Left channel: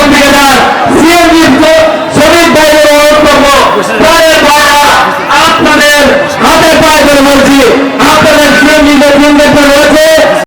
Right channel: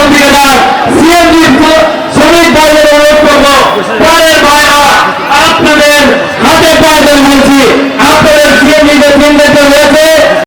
어, 정부가 후원금부터 어,